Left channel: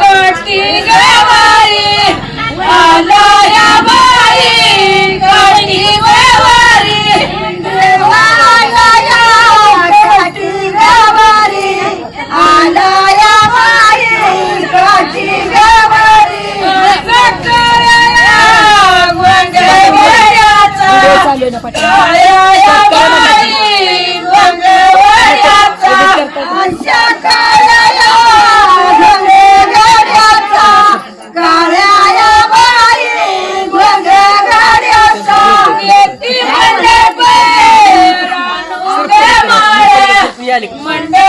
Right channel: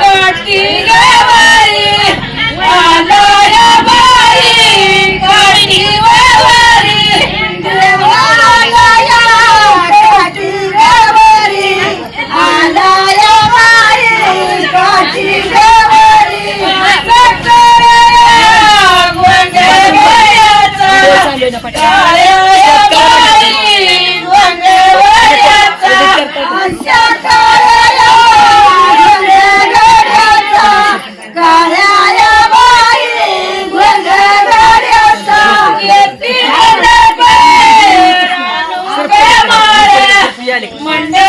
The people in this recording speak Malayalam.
ಕಟ್ಟಿ പിയാലി മണ്ടേ